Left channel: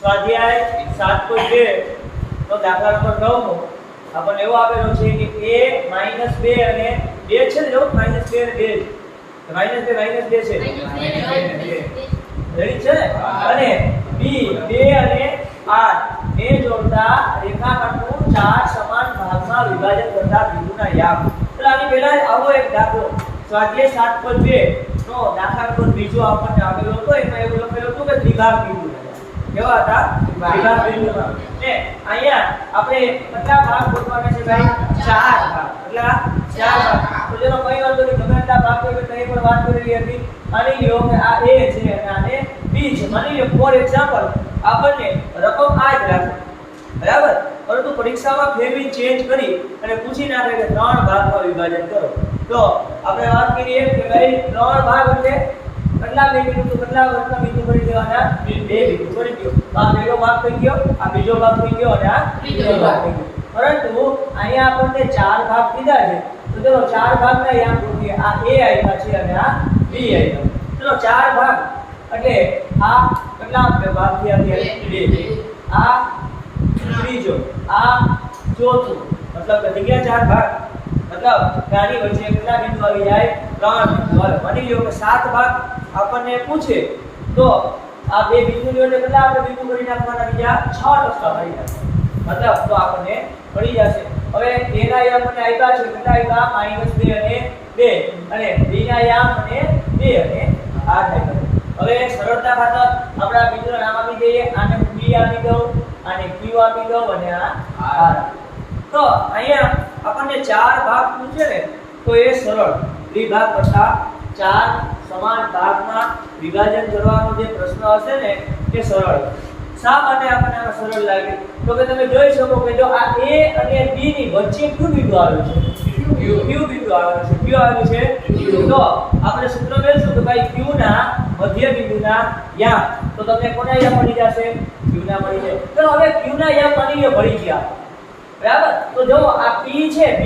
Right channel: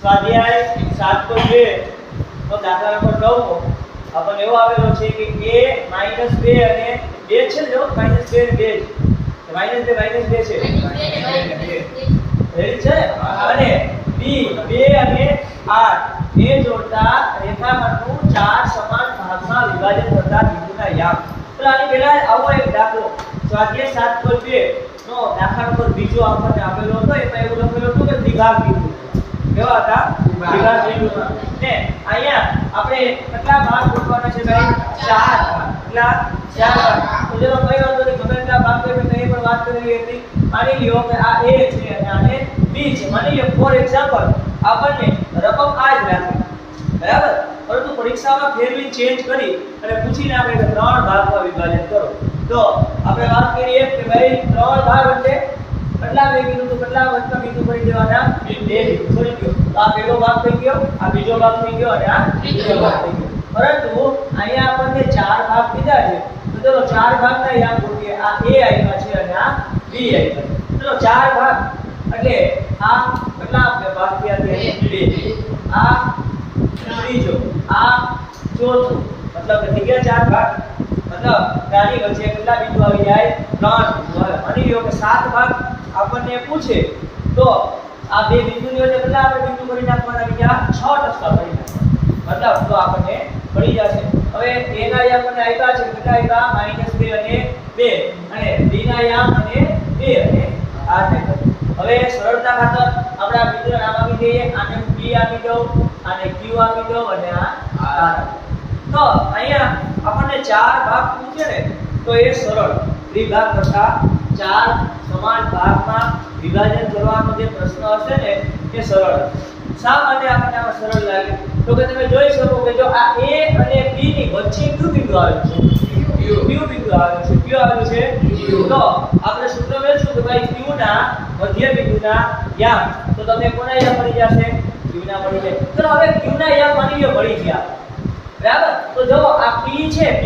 સ્વાધ્યાય 7.2 નો દાખલા નંબર 9 માં આપણને એવો આપેલો છે કે a -2 અને 2 છે જો -2 અને 2 -2 છે રેડી છે અને b 2 અને 8 ને જોડતા રેખાખંડનું 4 સમાન ભાગમાં વિભાજન કરતા બિંદુના યામ. તો આની પહેલા આવો એક દાખલો સ્વાધ્યાય 7.2 નો દાખલા નંબર બીજો આપણને આપેલો હતો. એમાં એવું લખેલું હતું કે દ્વિભાગ બિંદુ કેવા હતા દ્વિભાગ બિંદુ ને અહીંયા આપણે કેટલા ભાગ ગોઠવવાના છે ભાઈ 4 ભાગ. કેટલા 4 ભાગ. તો ચલો કઈ વાંધો નહીં ગમે એટલા ભાગ હોય તો એ પણ વાત કરેલી હતી. માની લ્યો કે આ a છે અને આને b છે. માની લ્યો ફોર એક્ઝામ્પલ આપણને રકમ આ જ રાખી બરાબર, પરંતુ પરીક્ષામાં ફેરવી ચેન્જ કરી અને પૂછીને આપણે કે 3 ભાગમાં વિભાજન કરો. તો આપણે વાત કરીએ કે ભાઈ 3 ભાગ એટલે કેટલા બે બિંદુ તો કેટલા વત્તા બિંદુ કરી દેવાના 2 બિંદુ કરી દો. તો આ પહેલો ભાગ થઈ ગયો, આ બીજો ભાગ થઈ ગયો અને આ ત્રીજો ભાગ થઈ ગયો. પરંતુ અહીંયા આપણને 4 ભાગ કીધા છે. તો ચલો 4 ભાગના યામ ગોઠવીએ. આ a આપ્યા છે અને આ b આપ્યા છે. ચલો 4 ભાગ એટલે આ કેટલા ભાગ થયા 2, આ ત્રીજો, આ ચોથું, મતલબ કે થઈ ગયા 4 ભાગ. મતલબ આની વચ્ચે કેટલા બિંદુ આવી જાય 3 બિંદુ આવે. માની લો કે 7 ભાગ આપણને પૂછે તો આ બે બિંદુની વચ્ચે કેટલા આપણે બિંદુ કરી નાખવાના બીજા 6 ટકા કરી નાખવાના. મતલબ તો આપણને મળી જશે. હવે a ના યામ મને આપ્યા છે કેટલા આપ્યા -2 અને 2 અને b ના યામ મને 2 અને 8 આપ્યા. હવે સરળતા ખાતર આપણે આ બિંદુના નામ આપી દઈએ. આને હું b આપી દઉં, આને q આપી દઉં અને આ r. તો અહીંયા આપણને 4 ભાગ પૂછે ને તો એ સરળ દ્વિભાગ કરતા 4 સમાન ભાગમાં વિભાજન કરવાનો જે પ્રશ્ન હશે ને એ સરળ. શા માટે આપણને આમાં સરળ લાગે? તો કે તમે જોઈ શકો કે જો આ a અને b ની વચ્ચે કયું બિંદુ આવેલું છે? q બિંદુ આવેલું છે. કયું આવેલું છે? તો આપણે સૂત્ર મેળવીશું કે ભાઈ q ના મધ્ય બિંદુના યામ. તો તમને કોના યામ મળી જશે? q ના મળી જાય. ચલો હવે q ના યામ માની લો મળી ગયા બરાબર. તો જો આ p છે p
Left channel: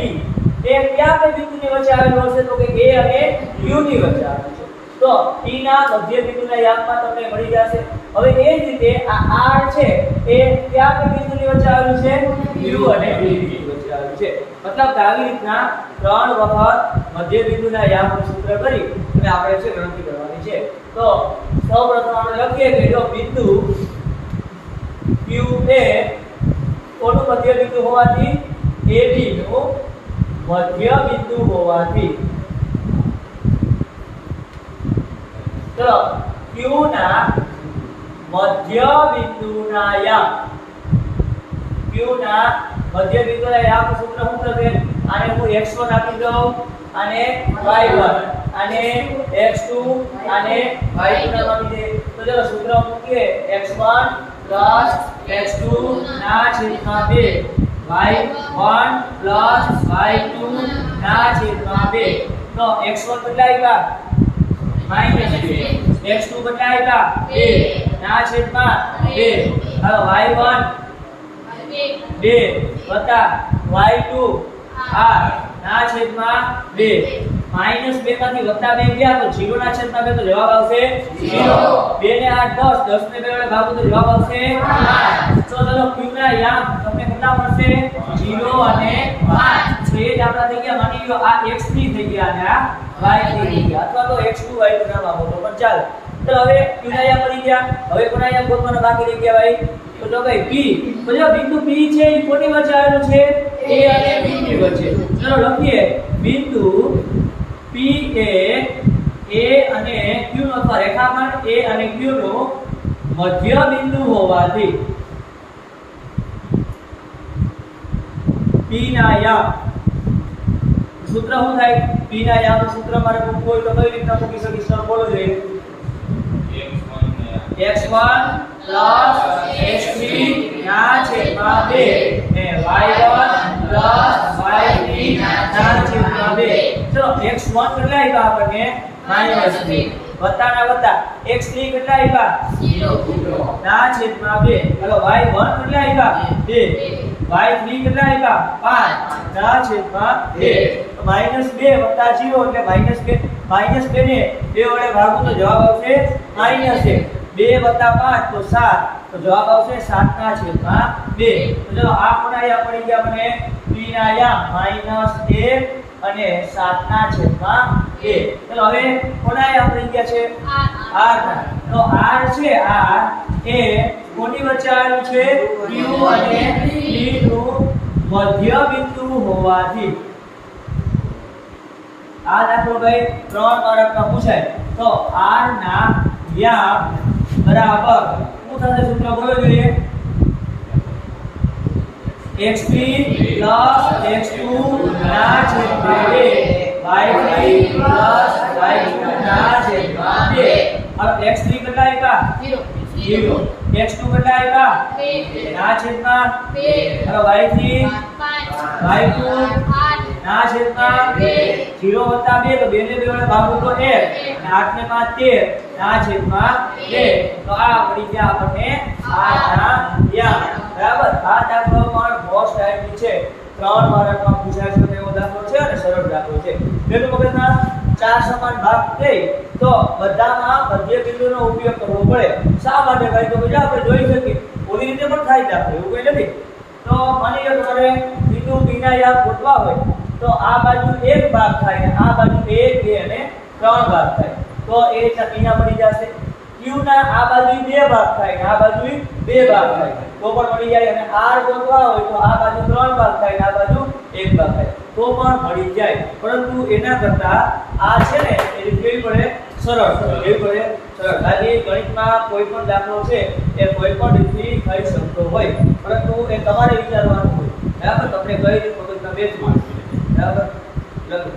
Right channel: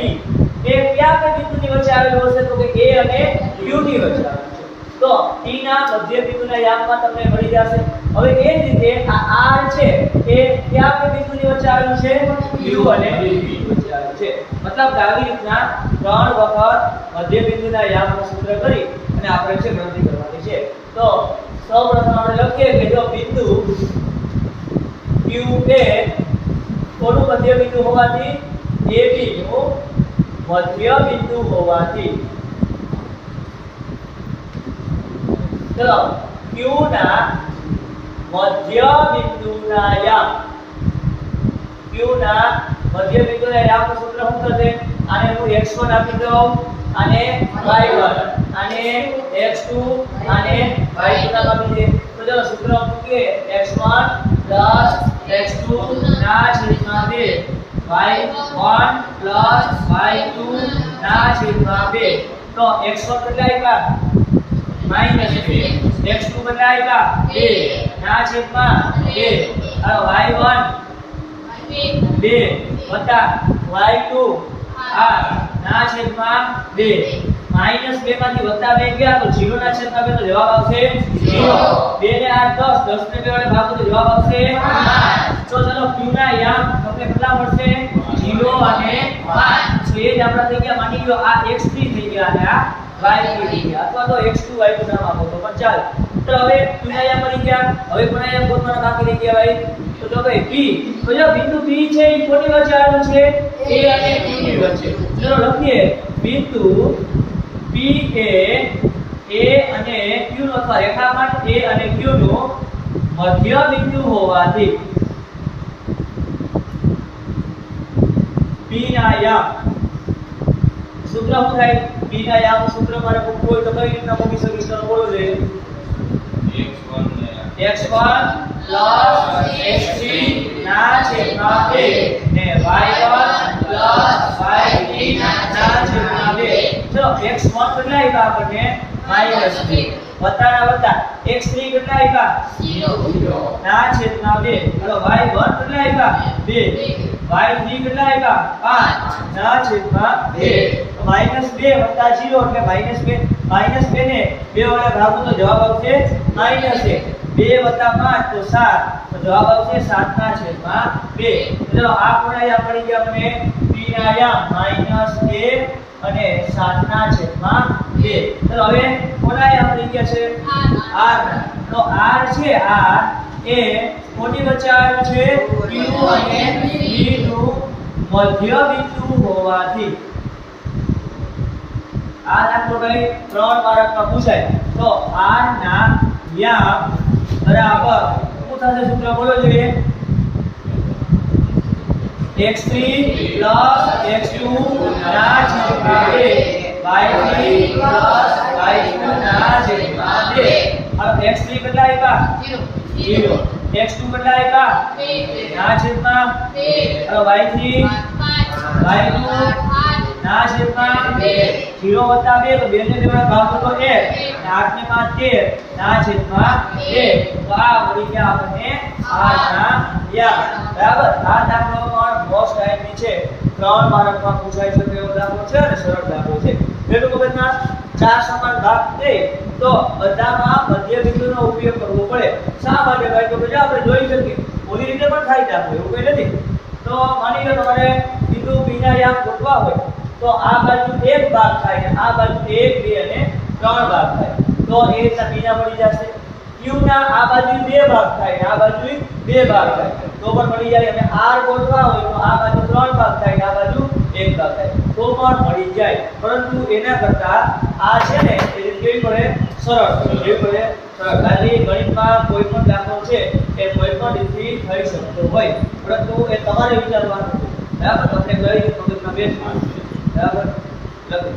એ કયા બે બિંદુની વચ્ચે આવેલું હશે? તો કે a અને q ની વચ્ચે આવેલું છે. તો p ના મધ્ય બિંદુના યામમાં તમને મળી જશે. હવે એ જ રીતે આ r છે એ કયા બે બિંદુની વચ્ચે આવેલું છે? q અને b ની વચ્ચે આવેલું છે. મતલબ આવી રીતના 3 વખત મધ્ય બિંદુના યામનું સૂત્ર કરી અને આપણે છે ગણતરી કરવાની છે. તો સૌપ્રથમ આપણે લખીએ કે જો બિંદુ q એ કોનું મધ્ય બિંદુ હોવાથી? AB નું મધ્ય બિંદુ હોવાથી ચલો q ના મધ્ય બિંદુના યામ, q ના મધ્ય બિંદુના યામનું સૂત્ર શું થશે? આને હું x1 આપી દઉં, આને y1, આને x2, આને y2 નામ આપી દે. તો ચલો સૂત્ર મૂકીએ x1 x2 ના છેદમાં 2 y1 y2 ના છેદમાં 2. તો x1 કેટલા આપ્યા? -2. x2 કેટલા આપ્યા? 2 ના છેદમાં 2. હાલો y1 2 વત્તા y2 8 ના છેદમાં 2. -2 માંથી વત્તા 2 ગયા તો 0 ના છેદમાં 2 તો જવાબ આવશે 0. 2 ને 8 10, 10 ને 2 વડે ભાગો તો જવાબ આવશે 5. તો ચલો q ના યામ તમને કેટલા મળશે? 0 અને 5. તો એ જ આપડા થઈ ગયા. માની લો આ x3 થઈ ગયા અને આ y3 થઈ ગયા, અથવા તો x2 y2 નામ આપો તો પણ ચાલે. તો હવે q ના યામ મળી ગયા. હવે કોના યામ ગોતવાના બાકી રહી ગયા ભાઈ? તો જો ભાઈ p. તો જો બિંદુ p છે એ કોની વચ્ચે આવેલું છે? a અને q ની વચ્ચે. ચલો લખીએ બિંદુ p એ a અને q નો અથવા રેખાખંડ a અને q નો મધ્ય બિંદુ હોવાથી p ના યામ સૂત્ર શું થાય? p ના યામ સૂત્ર મારે મૂકવું હોય તો કઈ રીતના મૂકી શકીશ? તો બોલો જોઈએ. x1 x3 ના છેદમાં 2 ને y1 y3 ના છેદમાં 2. ચલો x1 કેટલા આવ્યા આપણને? -2 વત્તા ના વત્તા x3 કેટલા આવ્યા? 0 ના છેદમાં 2. હાલો y1 કેટલા આવ્યા? 2 y3 કેટલા આવ્યા? 5 ના છેદમાં 2. તો -2 વત્તા 0 એટલે -2. -2 ને 2 વડે ભાગો તો જવાબ આવશે -1. 2 + 5 તો 7 તો જવાબ આવશે 7/2. તો ચલો આ કોના પડી ગયા મને p ના -1 અને 7/2. ચલો હવે કોના પડી ગયા છે r ના. તો r છે r એ કોની વચ્ચે આવ્યું છે q અને p નું મધ્ય બિંદુ હોવાથી આ દાખલો ભાઈ 3 માર્કમાં પૂછાય. તો r ના વ્યામ બરાબર શું થશે સૂત્ર બોલો જોઈએ x3 x2 ના છેદમાં 2 y3 y2 ના છેદમાં 2. હવે x3 કેટલા આપ્યા 0 x2 કેટલા આપ્યા 2 ના છેદમાં 2 હવે y3 y2 ના છેદમાં 2 0 વત્તા 2 તો 2 ને 2 વડે ભાગો તો 1 અને 8 ને 5 13 ના છેદમાં 2. તો આ મળી ગયા આપણને r ના વ્યામ. બરાબર. આ દાખલો પણ મોસ્ટ ટાઈમની છે 3 માર્કમાં પૂછાય છે એવો દાખલો છે અને સરળ દાખલો છે. પેલું મગજના 4 સમાન ભાગ દે તો બધામાં મધ્ય બિંદુનો ઉપયોગ કરવો પડે. શા માટે ભાઈ તો પછી આપણે જોઈ શકીએ ઓલી રીતે પણ થાય દાખલો એવું કંઈ નથી. તો માની લો તમારે બિંદુ p ના યામ ગોતવા હોય તો આ બાજુ એક ભાગ થાય અને આ બાજુ 1 2 અને 3 ભાગ થાય. તો એ રીતના p ના મળી જશે. q ના આ બાજુ 2 ભાગ થાય અને આ બાજુ 2 ભાગ થાય તો પણ મળી જાય. અને r ગોતવા હોય તો આ બાજુ 3 ભાગ થાય અને આ બાજુ 1 ભાગ થાય તો પણ મળી જાય. પરંતુ એના કરતા આ છે ને એ રીત કેવી પડે સરળ એવી પડે સરળ. ખાલી ગણિતમાં કોઈ પણ દાખલો છે એ કોઈ પણ રીતથી થઈ શકતો હોય પરંતુ એ તમારે વિચારવાનું હોય. બરાબર. તમને કઈ રીત મગજમાં બેસવું બરાબર લખો.